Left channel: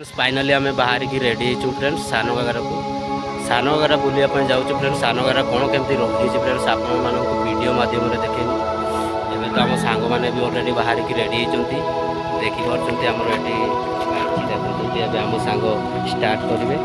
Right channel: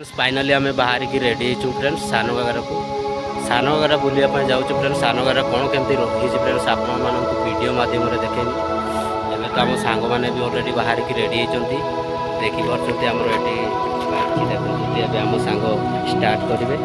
फाइनाली आम बाहर की रेडी हो फ्रेंड्स सान घाघरा को सान घाघरा बुलापी जाऊँ फ्रेंड्स सान घाघरा कौन केमती रही फ्रेंड्स आपण वीडियो माध्यम देखेनी एवं तो आम सांग मैंने भी अलरेडी बाहर की रेडी होती देखिपे आमर ये बाइक देखते आम सांग स्टार्ट करेंगे।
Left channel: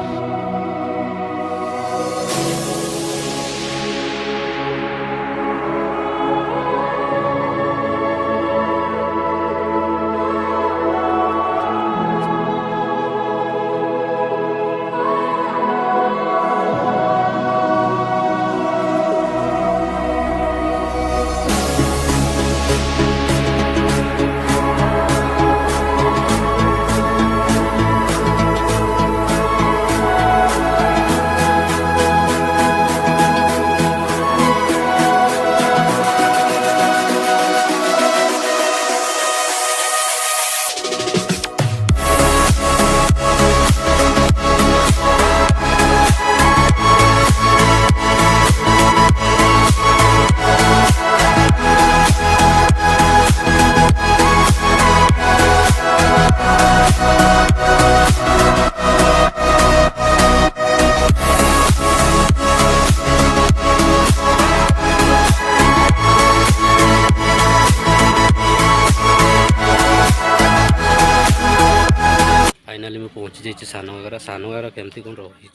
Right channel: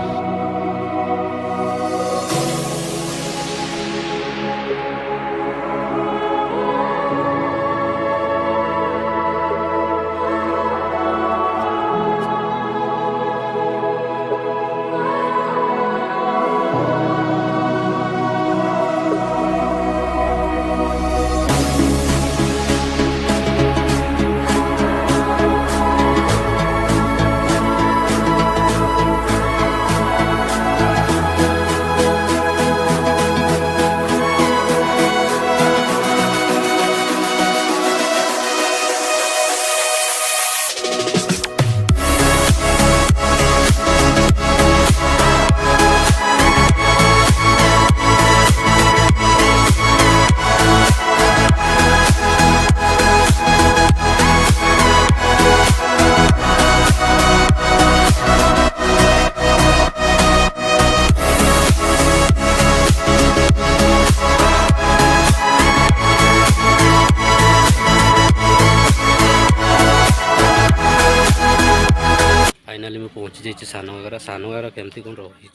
फाइनाली मैं पहुँची जाइए सान घाघरा केमती कौन रही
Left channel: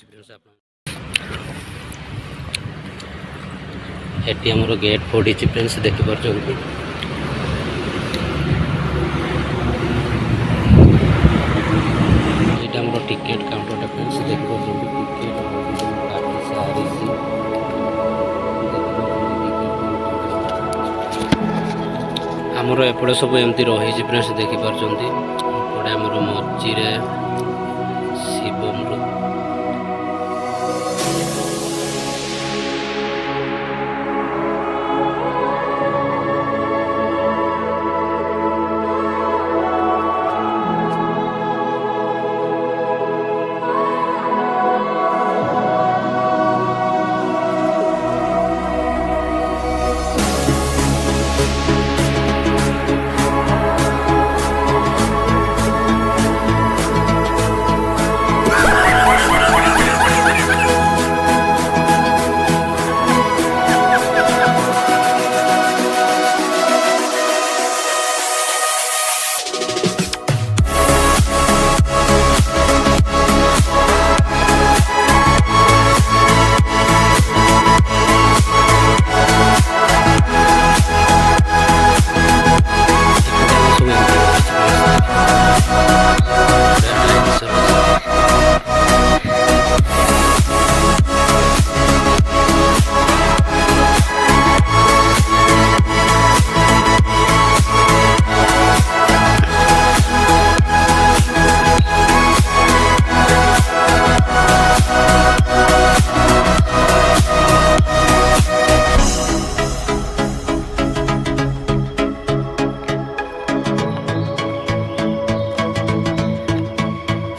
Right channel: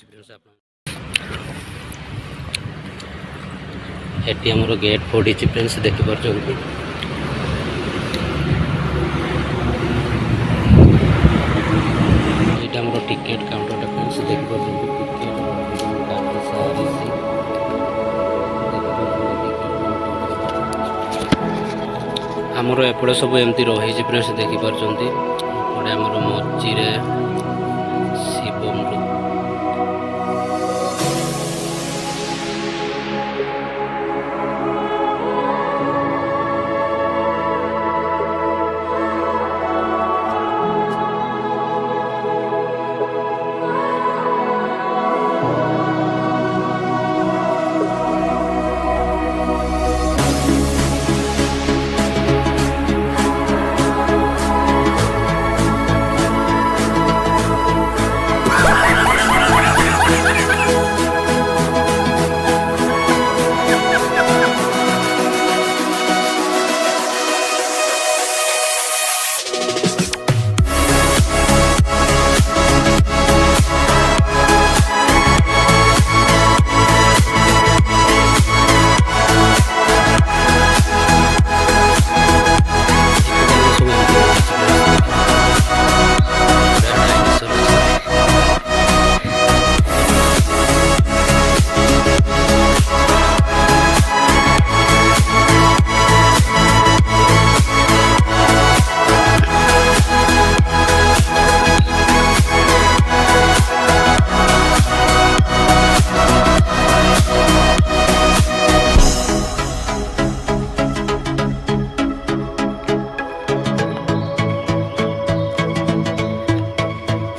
आमर गेट पड़ी फ्रेंड्स देखिपुर यहाँ आमर टिकेट काउंटर फ्रेंड्स देखिपुर टिकेट काटी सारी आमर एपटे सब एमती रही फ्रेंड्स देखिपुर एपटे आमर मझीरे शिव मृत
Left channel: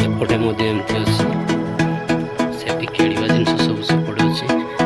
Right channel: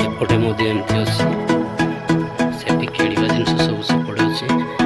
एपटे एमती अच्छी से खेल जिन सब सेपटे अच्छी।